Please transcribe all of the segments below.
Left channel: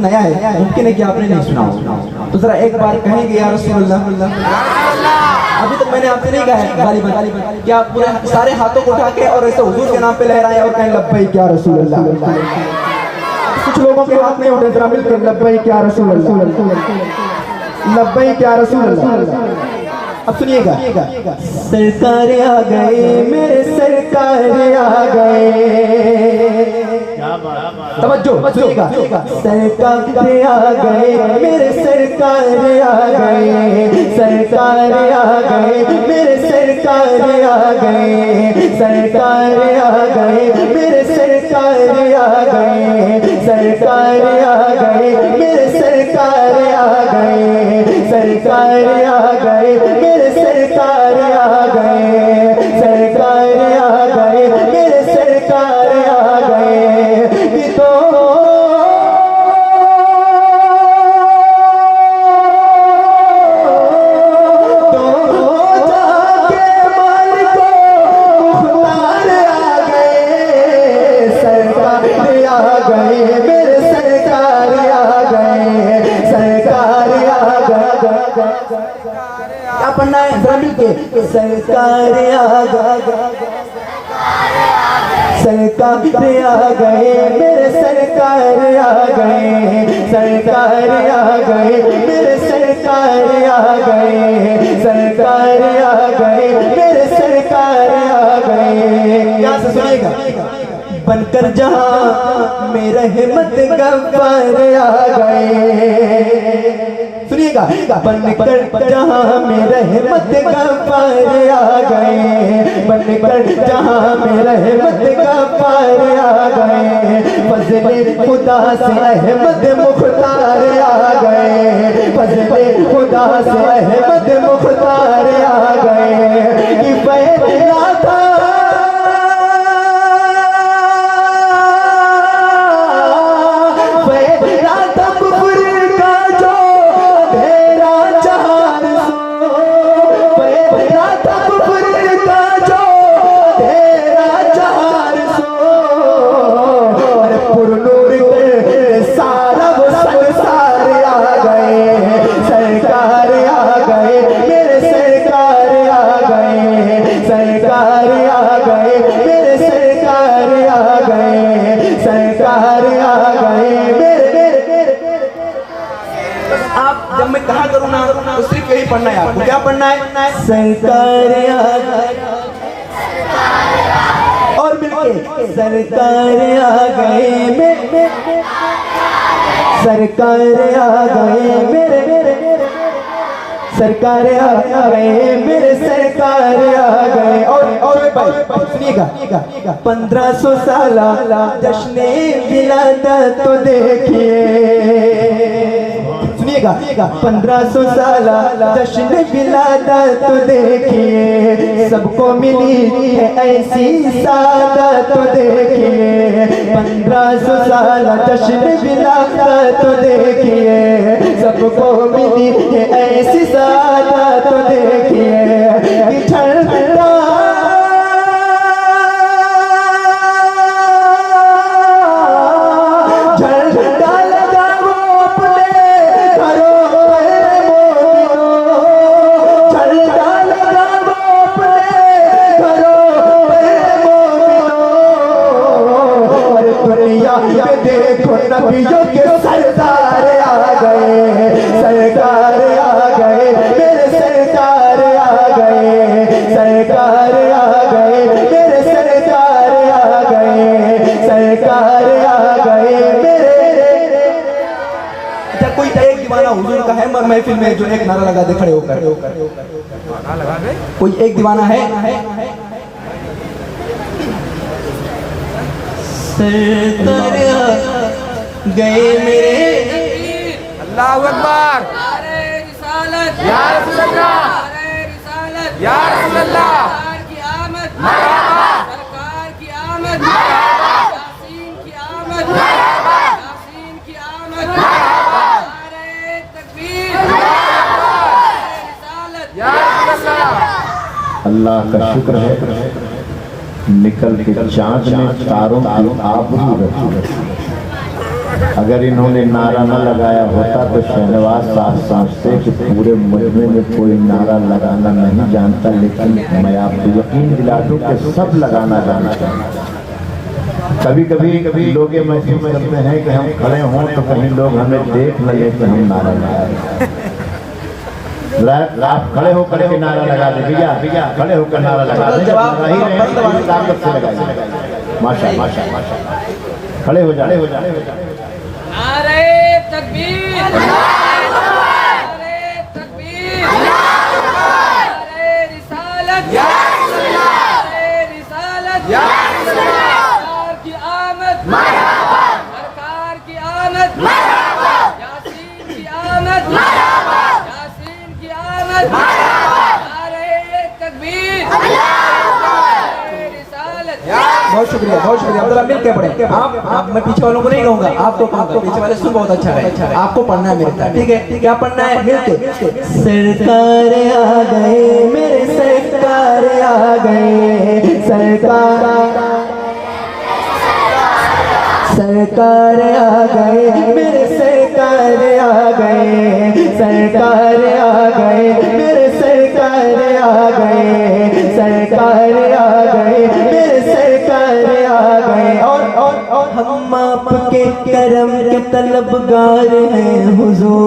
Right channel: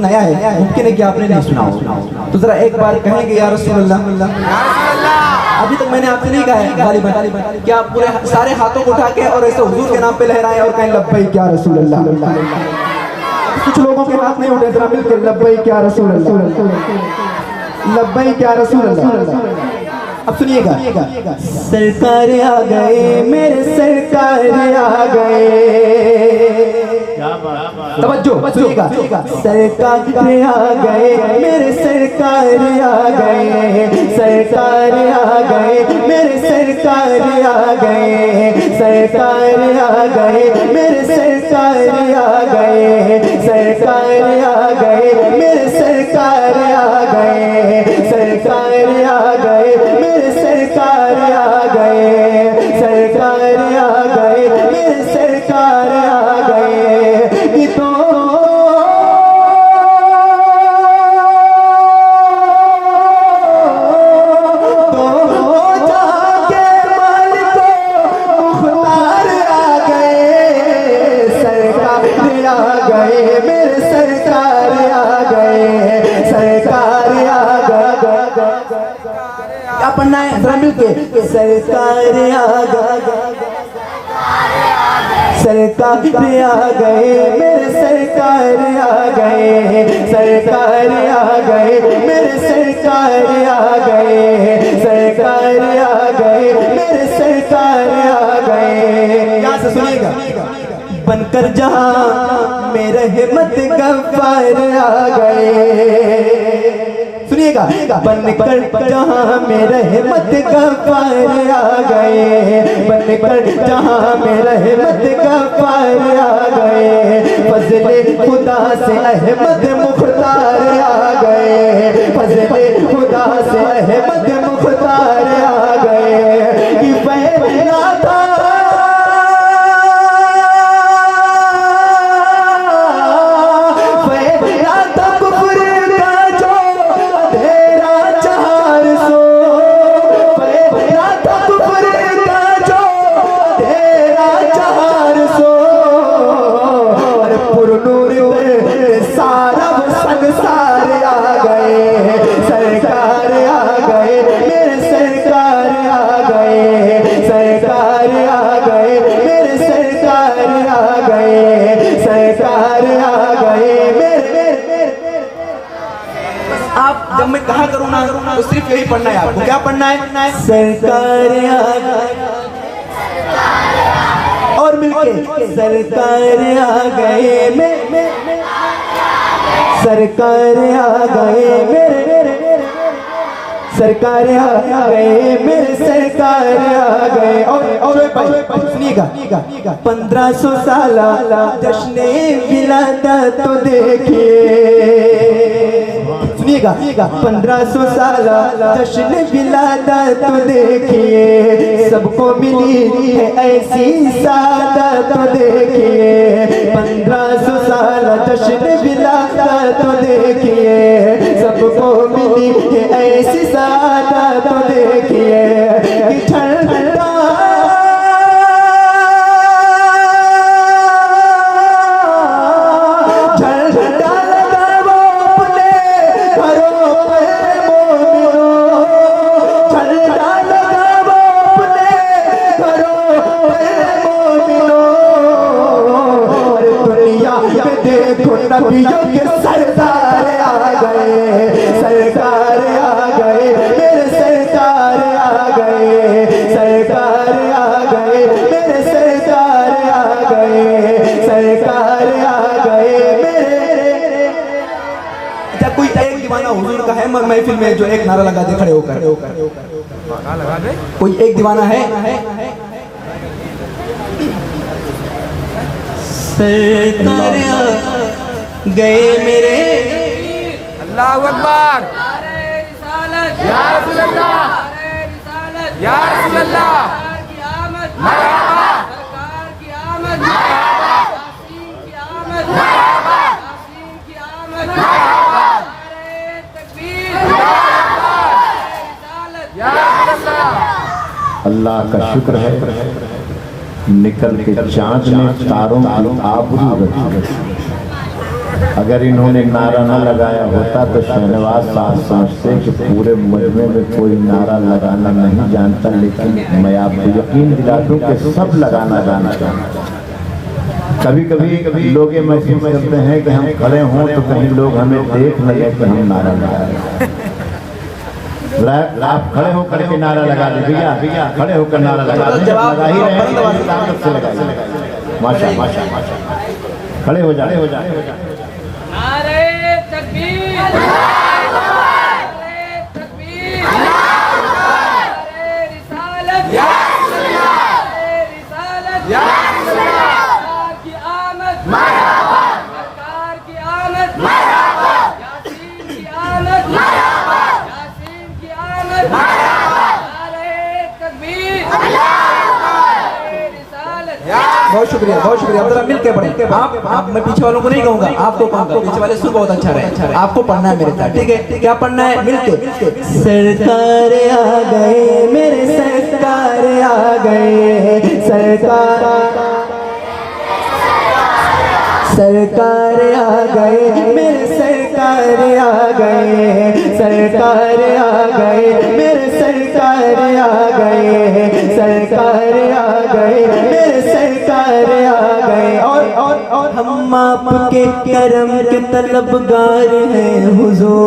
नया है, मुमकिन है कि आपने नहीं सुना हो, तो जरा एक बार कहेंगे या रसूलुल्लाह। अभी तक मैंने आपसे नहीं कहा है गालिबन कि आप पूरे सारे हाथों को उठा के और ऐसे हुजूर के नाम पे लहराएं और कहें लब्बैक या रसूलुल्लाह। कुछ लोगों के हाथ नहीं उठे, जरा मिलकर लब्बैक या रसूलुल्लाह, लब्बैक या रसूलुल्लाह। अब सुनिएगा, सरकार आ गए मेरे सरकार आ गए, तवज्जो सुनिएगा, सरकार आ गए मेरे सरकार आ गए, सरकार आ गए मेरे सरकार आ गए, सरकार आ गए मेरे सरकार आ गए, सरकार आ गए मेरे सरकार आ गए, सरकार आ गए मेरे सरकार आ गए, सरकार आ गए मेरे सरकार आ गए। तो जाके मालिक मुख्तार आ गए, सरकार आ गए मेरे सरकार आ गए, सरकार आ गए। क्या पढ़ना है जरा मिलके, सरकार आ गए, सरकार आ गए मेरे सरकार आ गए, सरकार आ गए मेरे सरकार आ गए, सरकार आ गए मेरे सरकार आ गए। यहाँ से सुनिएगा, बनकर जहां मेरे हिम्मत गफ्फार आ गए, सुनिएगा, बनकर जहां मेरे हिम्मत गफ्फार आ गए, बनकर जहां मेरे हिम्मत गफ्फार आ गए, फज़ले खुदा से अहमद मुख्तार आ गए, फज़ले खुदा से अहमद मुख्तार आ गए। कि फैला था पढ़ना है आपको, क्या पढ़ना है, सरकार और मिलके सरकार आ गए सरकार आ गए मेरे सरकार आ गए मेरे सरकार आ गए। और भाई सुनिएगा, 1500 साल जश्न विलादत तो देखिए, सुनिएगा, 1500 साल जश्न विलादत तो देखिए, सबको मिली है ऐसी सादत तो देखिए, 1500 साल जश्न विलादत तो देखिए, सबको मिली है ऐसी सादत तो देखिए। कि ठंडा झंडा लगाओ अपने घरों पर मोमिनो, झंडा लगाओ अपने घरों पर मोमिनो, और दुनिया में देखो नबियों के सरदार आ गए, सरकार आ गए मेरे सरकार आ गए, सरकार आ गए मेरे सरकार आ गए, सरकार आ गए मेरे। अच्छा, कोई एक दीवाना हुजूर का है महफिल में जो एक नारा लगा दे, खड़े होकर लगा दे, कोई एक दीवाना है। सरकार गए मेरे, अल्लाहु अकबर, या रसूल अल्लाह, या रसूल अल्लाह, मरहबा, मरहबा, मरहबा, मरहबा, या रसूल अल्लाह। अल्लाह का शुक्र है, निकल के चांद ने तारों की आबरू रखी, अगर इन्होंने नारा न लगाया होता तो शहनवाज साहब समझते कि पूरे मजमे में कोई नारा लगाना नहीं जानता, लेकिन मैं आपको यकीन दिला दूं कि सब लगाना जानते हैं। कभी कभी लोग ये महसूस करते हैं कि हम खड़े हों तो कहीं लोग हमें देख न लें कि हम नारा लगाए। आप खड़े होकर के नारा लगा दे भैया, खड़े होकर नारा लगा दें, लगा ही रहे हैं, ताकत से लगाइए। माशा खड़े हो जाए। नारे तकबीर, नारे तकबीर, नारे रिसालत, या अल्लाह, नारे रिसालत, या अल्लाह, सरकार की आमद, मरहबा, सरकार की आमद, मरहबा, यासीन की आमद, मरहबा, यासीन की आमद, मरहबा, नारे तकबीर, नारे रिसालत, या बहुत शुक्रिया जरा मिल के पढ़े। आप मैं पीछे वालों को नहीं कहूंगा, आपको कहूंगा, पीछे वाले सुन बहुत अच्छा है, आपको पढ़ना है मेरे साथ, ठीक है? क्या पढ़ना है? मिल के। सरकार आ गए मेरे, सरकार आ गए, सरकार आ गए मेरे, सरकार आ गए, सरकार आ गए मेरे, सरकार आ गए, सरकार आ गए मेरे, सरकार आ गए। और हम आपके करम के तलबगार हैं हुजूर,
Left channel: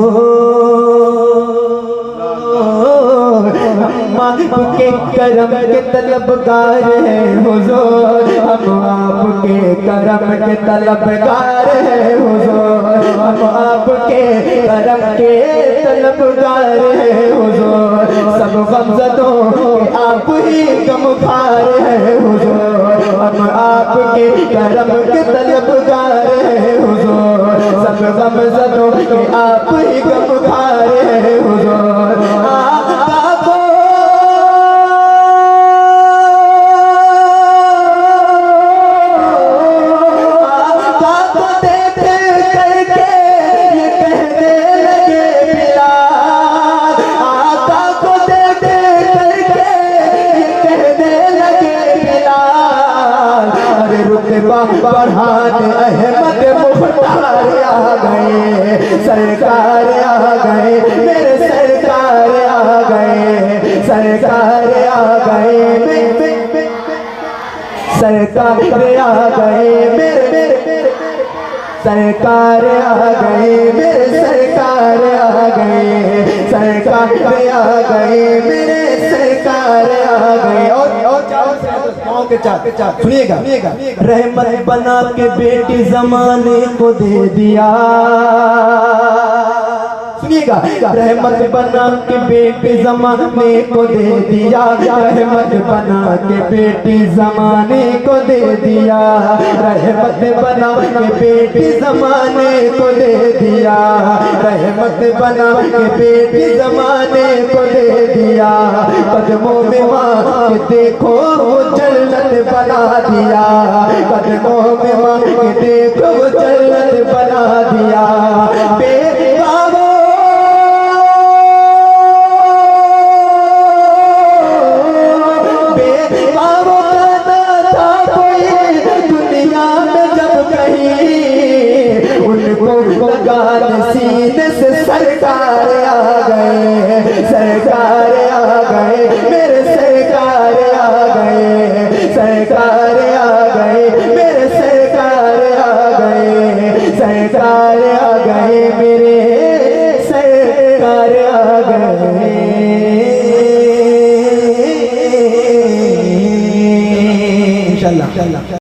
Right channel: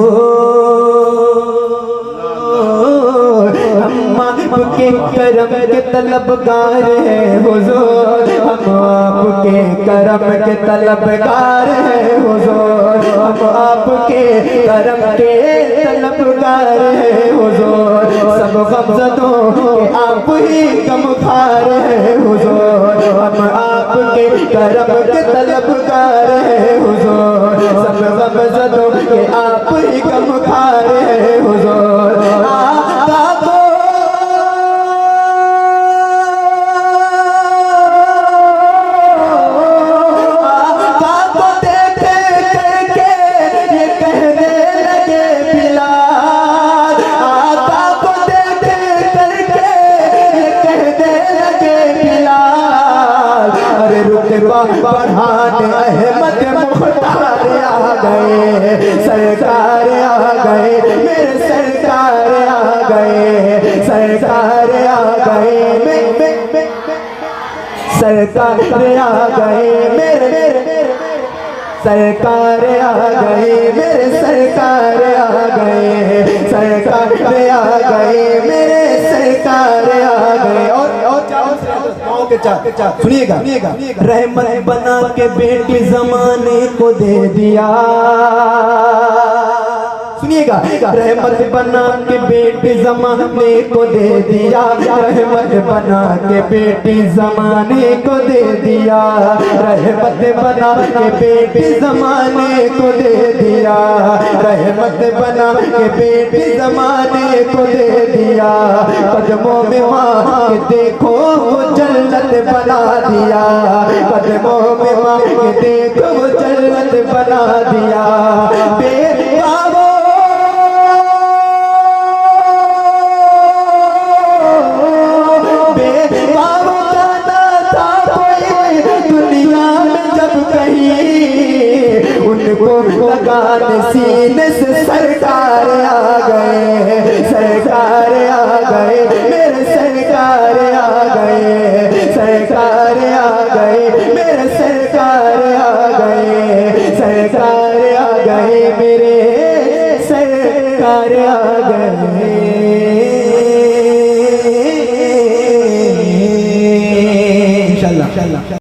हम आपके करम के तलबगार हैं हुजूर, हम आपके करम के तलबगार हैं हुजूर, हम आपके करम के तलबगार हैं हुजूर, सब गमज़दों के आप ही गमखार हैं हुजूर, हम आपके करम के तलबगार हैं हुजूर, सब गमज़दों के आप ही गमखार हैं हुजूर। बढ़ाने अहमद मुख्तार आ गए, सरकार आ गए मेरे, सरकार आ गए, सरकार आ गए, सरकार आ गए मेरे, सरकार आ गए मेरे, सरकार आ गए, सरकार आ गए मेरे, सरकार आ गए। और के चार सुनिएगा, रहमत बना के बेटी जमाने को दे दिया, सुनिएगा, रहमत बना के बेटी जमाने को दे दिया, रहमत बना के बेटी जमाने को दे दिया, रहमत बना के बेटी जमाने को दे दिया, रहमत बना के बेटी जमाने को दे दिया, कदमों में माँ के देखो जन्नत बना दिया, कदमों में माँ के देखो जन्नत बना दिया। दुनिया में जब कहीं उनको लगाने सीने से, सरकार आ गए, सरकार आ गए मेरे, सरकार आ गए, सरकार आ गए मेरे, सरकार आ गए, सरकार आ गए मेरे, सरकार आ गए। इंशाल्लाह।